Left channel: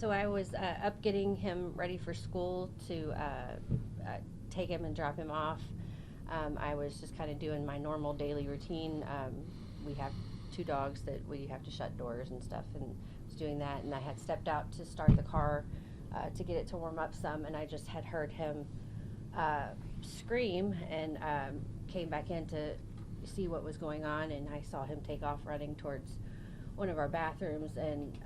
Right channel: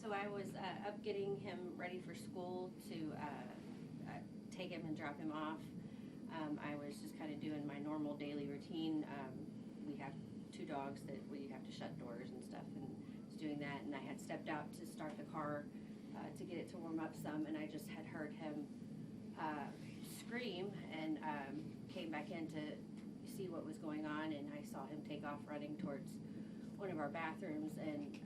So I was up getting him ready for school to take him and drop him off. I was just kind of doing my normal daily routine. We have two dogs that we have to shut doors and stuff, and was doing that. And I had stepped out to start the car to get it to warm up some, and I just had heard him scream and came back in to see what was going on, and I saw him take off running towards one of our bathrooms, and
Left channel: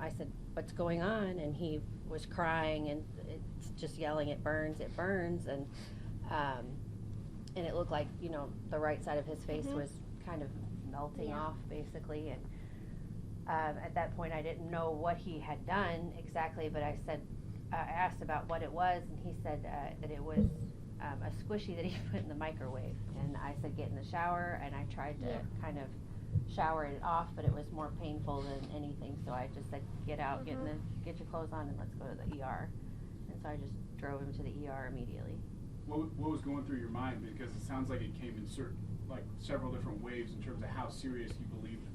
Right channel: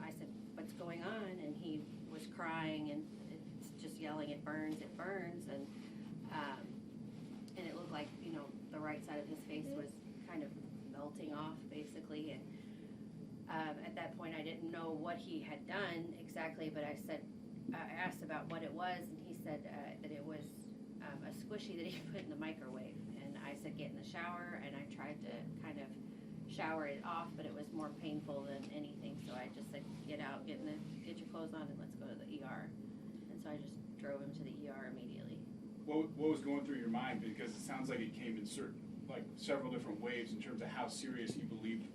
I said, "What's going on?" And he was crying and it's just yelling, "It burns, it burns," and it looked like, you know, the right side of his face was kind of melting off basically, and at that point I didn't know what he had done exactly, but I asked about what it was, and he said that it was a squishy that he put in the microwave, and I said, "Get in the shower," and I tried to kind of shower it off, but it was more painful than anything, so I just said, "Get out, get your clothes on, and let's go to the ER." And so I just drove him to the ER immediately. What was going through your mind? Because it sounds like it came in several different waves in terms of how serious you believed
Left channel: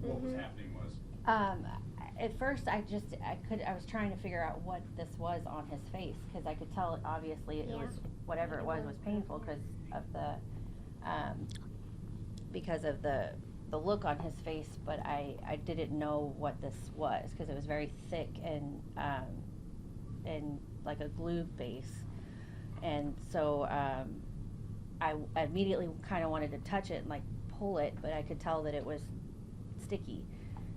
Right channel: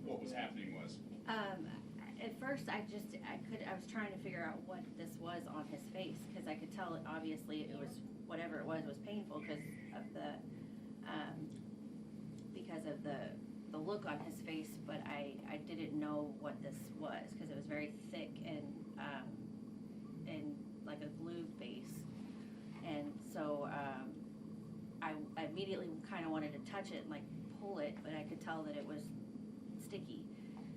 what was happening was. At first, I was trying to figure out what this was on his face, because I could tell obviously it was whatever it was painful because of the look on his face, but I didn't know what this was because it was very thick and like a glue base, and so I immediately kind of wanted to touch it and like pull it, but I could tell that it was sticky.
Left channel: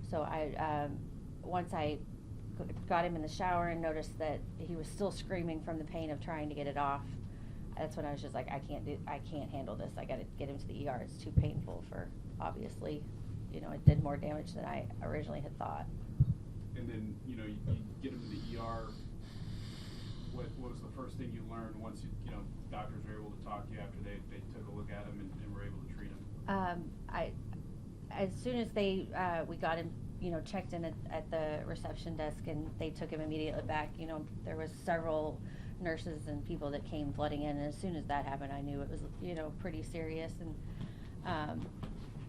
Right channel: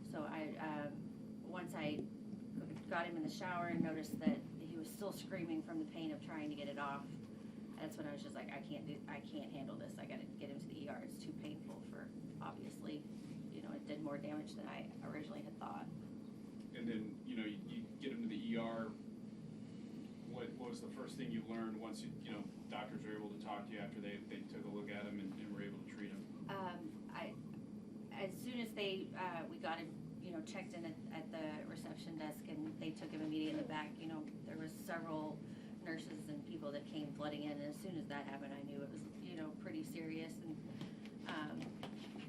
So once I got him in the shower and noticed that he was still screaming from the pain of trying to get it off, that's when I was just like, I can't handle this. I got to get him to the ER. It's too painful for, obviously, you know, it did more damage than I originally had thought. And then, you know, you get him to the ER. What was the first thing you learned once doctors were able to talk to you after they took a look at him and were able to treat him? As soon as we got him, you know, checked in at the reception desk, and they took him immediately back. You know, there was several nurses and people that came flooding in, and as soon as that happened, I knew it was, you know, pretty serious. And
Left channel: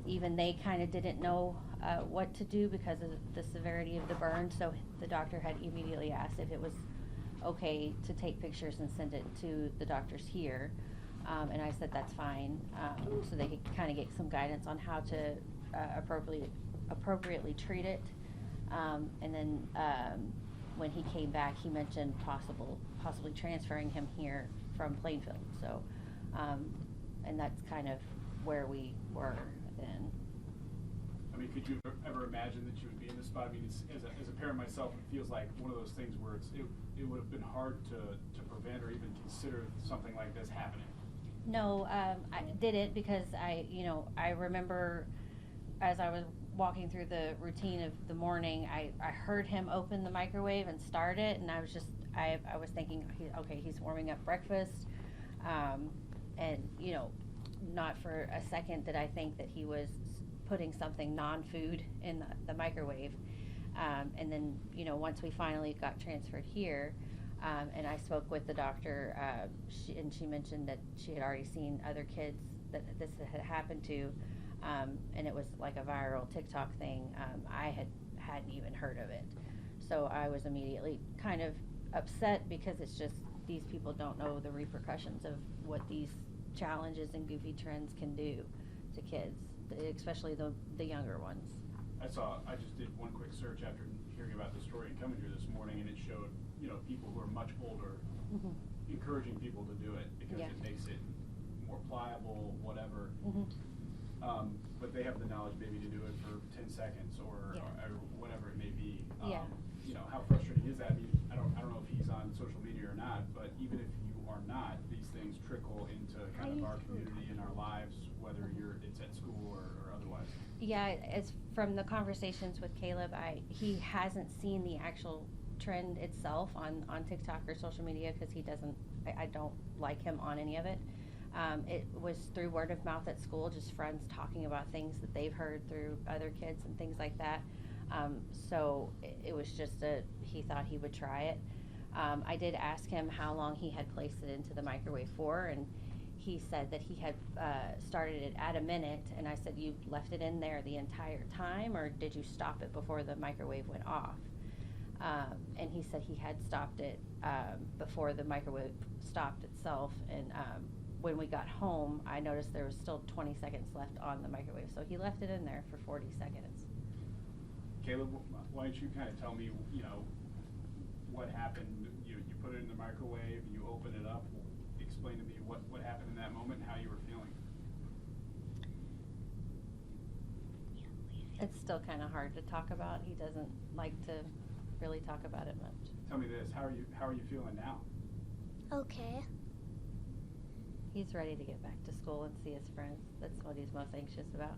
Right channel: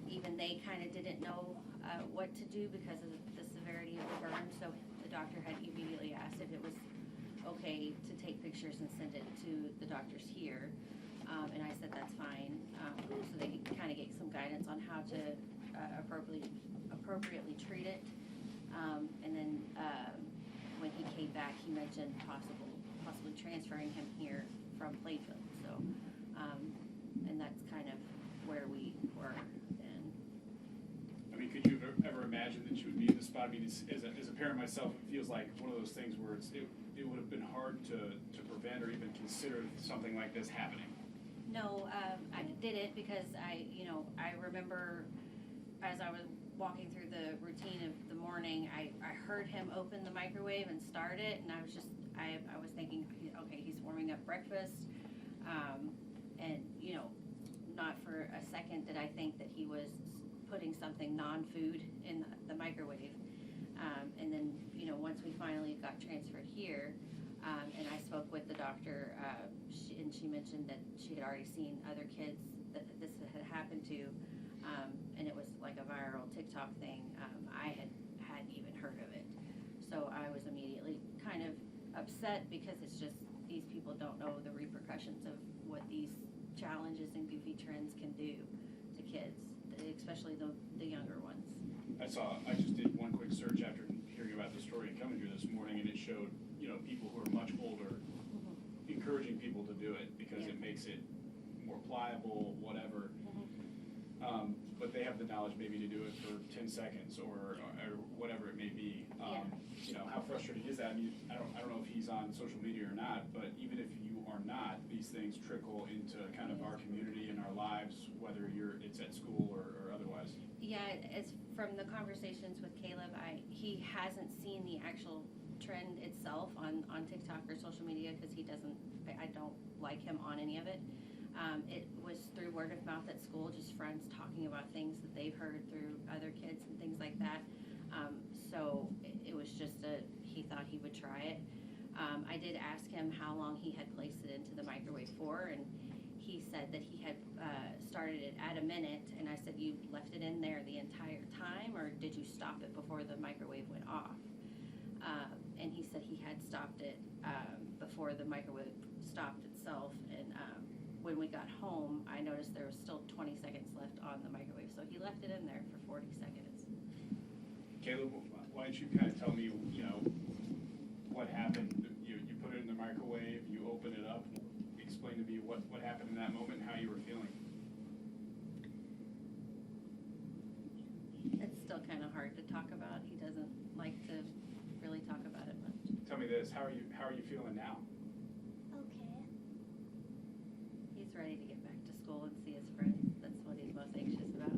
even they kind of didn't know what to do because of the severity of the burn. So the doctor had immediately asked if it was okay to take pictures and send it to the doctors here, and I said that's fine, so they could kind of get some guidance on how to appropriately treat it. And then when he came back, he mentioned possibly transferring him here from Plainfield. So, and that's kind of where we were then. I mean, could you ever imagine that you would be in this spot? I mean, as a parent myself, it feels like one of those things where it would have been hard to prevent or even consider something like this happening. No, I didn't, because I remember as I was walking through the routine of the morning, I heard him open the microwave and start it, and I was thinking, okay, he's warming up breakfast, and you know, not for a second did I think that he was putting something non-food in the microwave. And then, you know, once we finally got transferred here, and I spoke with the doctor, she mentioned that she had already seen other kids that this had happened to, and it was like a viral TikTok thing. I hadn't even heard of it. So I was immediately kind of upset, because it's just, these people don't know the repercussions of what these challenges and goofy trends can do to kids, especially the younger ones. I just did one quick search after hearing about the story and coming here this morning, and it showed, you know, people who are much older encouraging people to do it because it makes it more pliable, whatever. But they have the knowledge maybe to do it for 10 seconds or whatever it may be. You know, how frustrating is that? I mean, I don't know if he's on social media or not, but even if you are not, these things trickle into kind of our community and our lives, whether it's at school or otherwise. Yeah, as from the conversations with Caleb, he hasn't seen the actual trend itself on TikTok or social media, because I don't like him on any of it. It was through word of mouth at school, just friends talking about things that they've heard through other kids and things like that. So it was just he thought he would try it. I did ask him how long he had placed it into the microwave for, and he said that he had started it at a minute, and I said, you left it in there the entire time, or did you stop it before the microwave went off? he said he had stopped it before the microwave stopped itself. And when we got home, I noticed there was still 20 seconds left on the microwave, so he left it in there for 40 seconds. Caleb, why don't you kind of tell me, what happened? You put it in the microwave, you open it up. Explain to me what happened in that moment and how you were feeling. It's still kind of hard to talk about. He doesn't like to really talk about it much. Tell me this, how are you feeling now? Okay. He's ready to get back to school and see his friends. That's what he's most anxious about.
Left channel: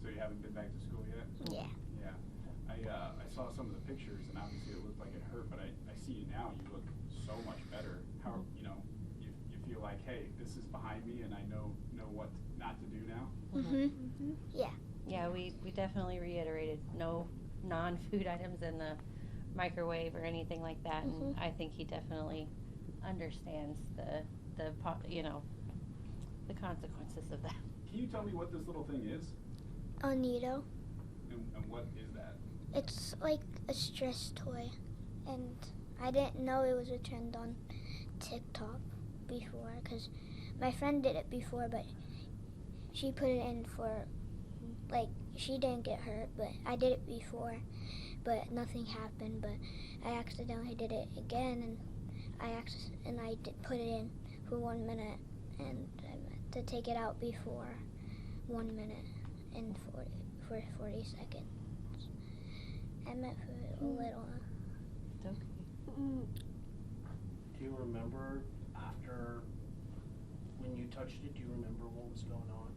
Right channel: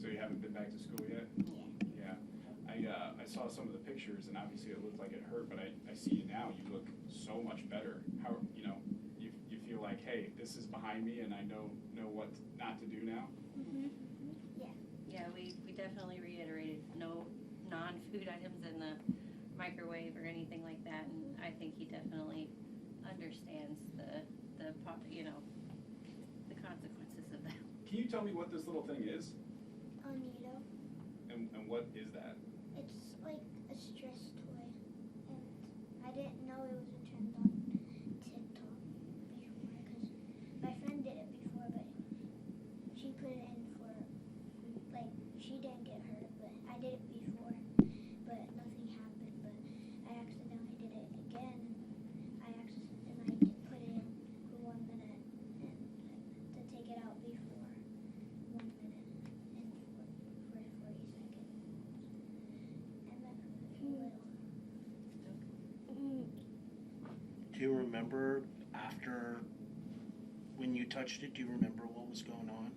So you haven't been back to school yet? Yeah. Yeah. I saw some of the pictures, and obviously it looked like it hurt, but I see you now. You look so much better. How, you feel like, hey, this is behind me, and I know what not to do now? Yeah. Yeah, we definitely reiterated no non-food items in the microwave or anything like that, and I think he definitely understands the consequences of that. Can you tell me what this little thing is? A Needoh. And what is that? It's like a stress toy, and I didn't know it was a trend on TikTok before, because my friend did it before, but she put it in for, like, she didn't get hurt, but I did it before, but nothing happened. But I accidentally did it again, and I put it in for 1 minute, and I meant to take it out before 1 minute and for 40 seconds. I meant for a little. Do you remember after when you touched it? Do you remember what was going on?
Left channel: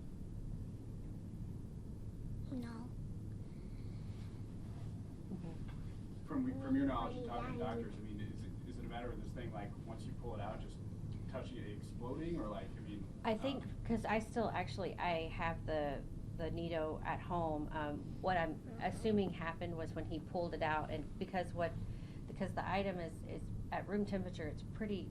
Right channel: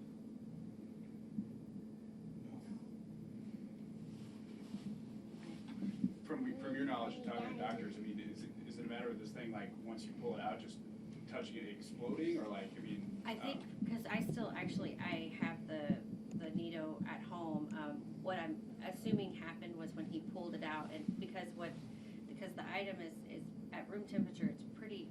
No. From your knowledge of talking to doctors, I mean, is it a matter of this thing, like, once you pull it out, just touching it exploding, or like, I mean? I think, because I have the Needoh at home. What I'm assuming happened was when he pulled it out, and because the item is at room temperature, it's pretty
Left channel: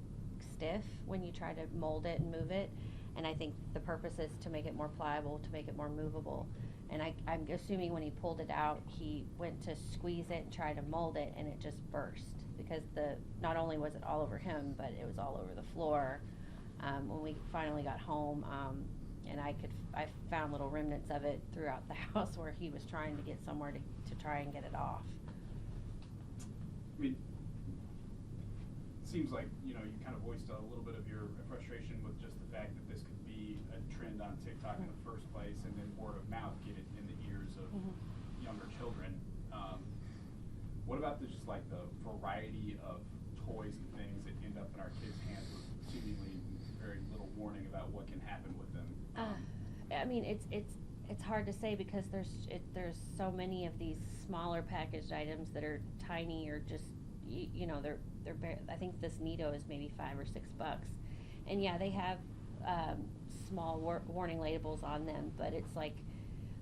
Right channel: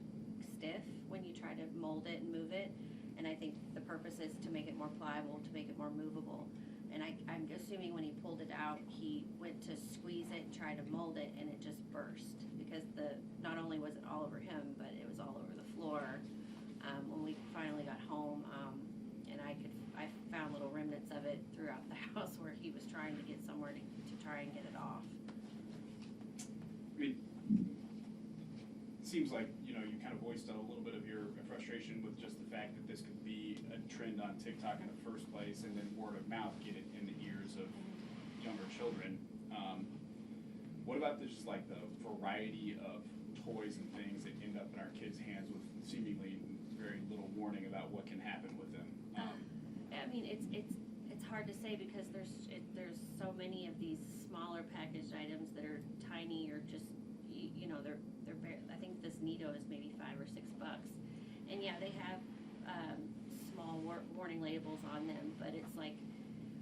stiff when you try to mold it and move it, and I think the purpose is to make it more pliable, to make it more movable. And I'm assuming when he pulled it out, he went to squeeze it and try to mold it, and it just burst, because not only was it all over him, but it was all over the floor when we finally got home. And I found little remnants of it throughout the house where he was trying to get somewhere to try and get it off. I mean, it seems like, you kind of voiced a little bit of your frustration with just the fact that this could be a trend on TikTok in the first place, and then word of mouth get it in the ears of younger children. What about just like the variety of toys and things that end up in our kids' hands with seemingly very little warning about what can happen with them? I mean, it's hard to say, because there's so many of these smaller packaged items that are tiny, or just they're I think this Needoh is maybe $5 or $6, and yeah, they have small warning labels on them, but it's like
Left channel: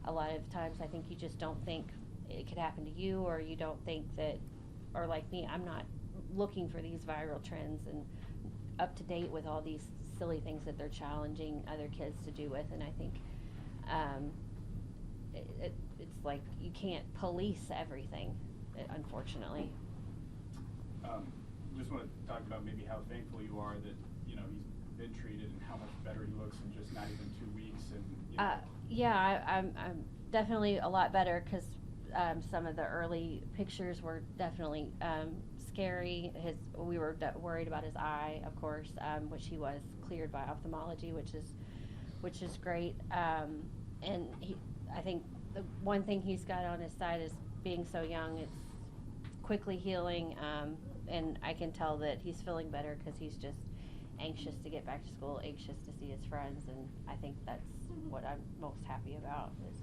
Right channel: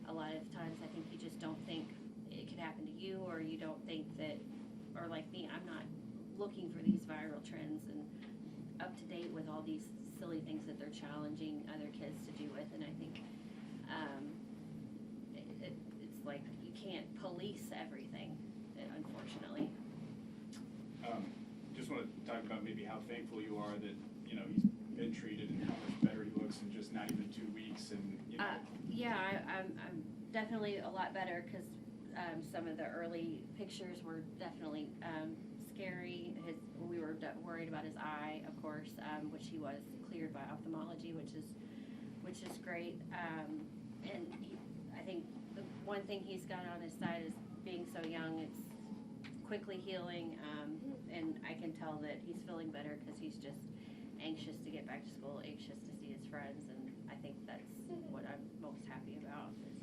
a lot of times I think you just don't think it could happen to you, or you don't think that, or like me, I'm not looking for these viral trends and up to date with all these silly things that they're challenging other kids to do with, and I think it's like you can't police everything, unfortunately. Just want to talk about maybe how thankful you are that he's been treated, and how much better he looks in just not even 2 weeks, and yeah, I'm definitely a lot better, because some of the early pictures were definitely scary. We were worried about his eye, of course, which he was cleared by ophthalmology, which is great. And I think the one thing he's got on his side is being so young. It's quickly healing, and I can tell that he's feeling better, because he's just anxious to get back to school, anxious to see his friends, and I think that's what I'm most happy about, is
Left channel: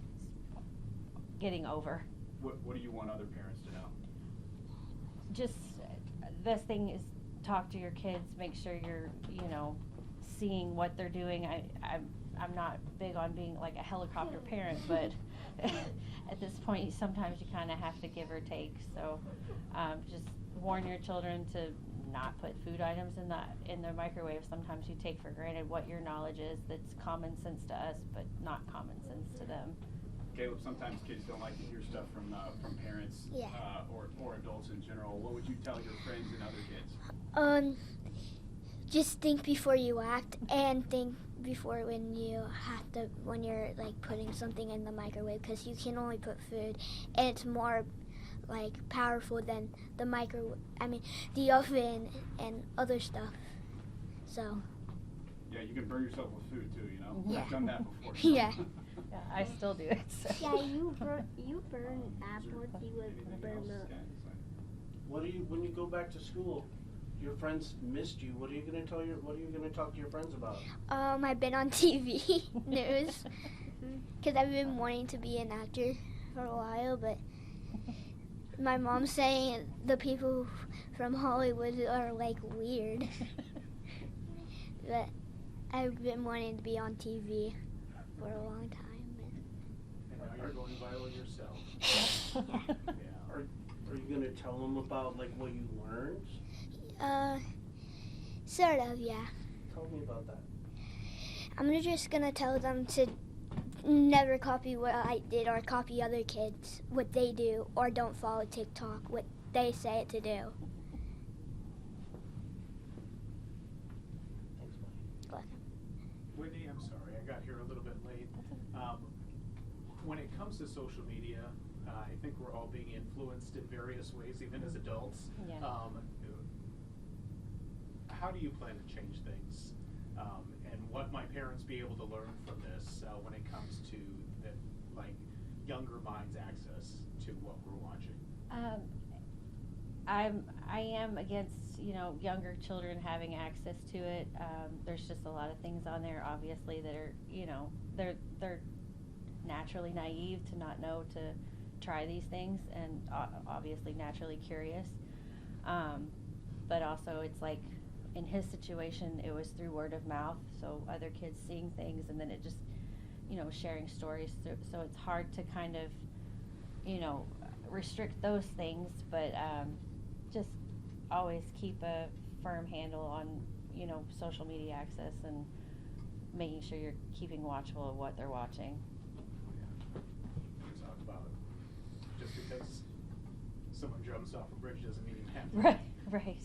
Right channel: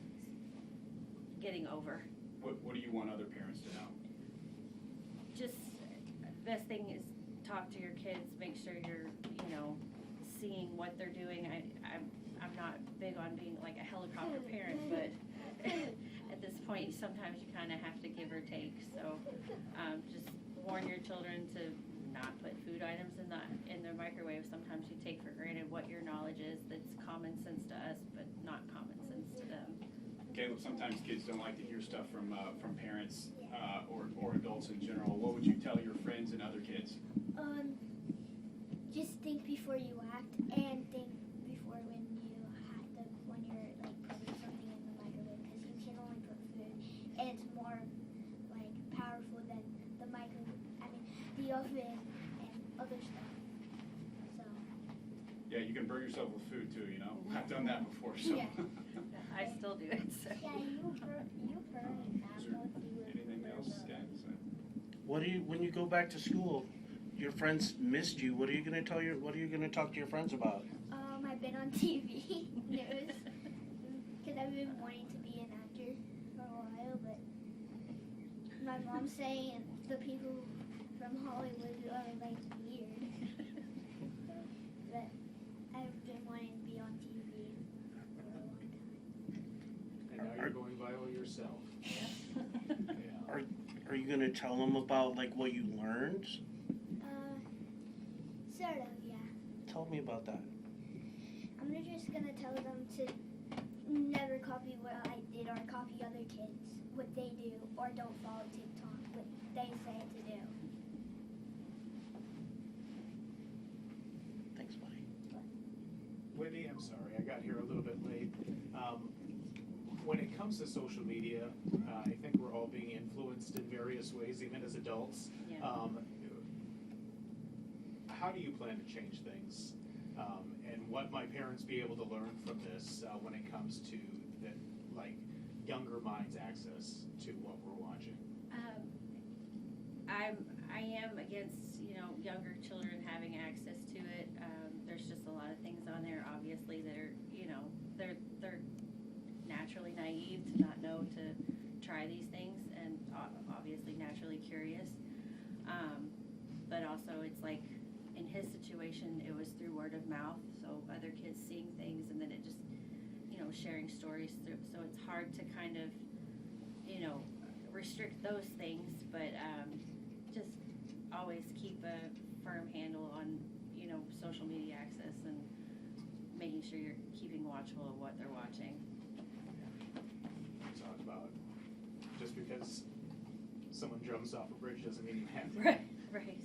getting over. What do you want other parents to know? Just best thing is talk to your kids, make sure you're seeing what they're doing. I'm not big on being like a helicopter parent, but at this point sometimes you kind of have to give or take. So just warn your children to not put food items in their microwave. Sometimes you take for granted what your knowledge is that's common sense to us, but not common sense to them. Caleb, sometimes kids don't like to hear stuff from parents, Yeah. or adults in general. What would you tell your friends Just think before you act, and think before when you're like putting something in the microwave, because you can only put food, and it's more like powerful than the the oven and other stuff. So. Yeah, you can burn yourself with food too, you know? Yeah. I've done that before. So. Yeah. Yeah, I still do it. So. Yeah, you burn apples. You would Anything burn else, the. guys? When you go back to school, your friends missed you. What are you gonna talk to your friends about? I've been on TV news because I've been wanting to be an actor for a while, but my mom's saying the people from Hollywood are like weird. But I've been wanting to be on TV for a long time. And now you're going viral yourself. Are you gonna tell them about like what you learned? Sort of, yeah. Tell me about that. I'm just gonna tell them to never copy what I did or copy other kids, what they do, or don't follow TikTok, what they say it to do. Thanks, buddy. Whitney, I'm sorry, I got here a little bit late. When it comes to social media, I think we're all being influenced in various ways, even as adults. Yeah. How do you plan to change things? And what might parents be able to learn from this when it comes to the younger minds' access to what we're watching? I am against younger children having access to it. There's just a lot of things on there, obviously, that are they're naturally naive to not know to try these things, and obviously naturally curious. But also, it's like in his situation, it was through word of mouth, so other kids seeing things, and then it just sharing stories. So it's hard to kind of restrict those things, but just always keep a firm handle on social media access and making sure you're keeping watchful of what they're watching. We talked about just because someone jumps off a bridge doesn't mean you have to. Right.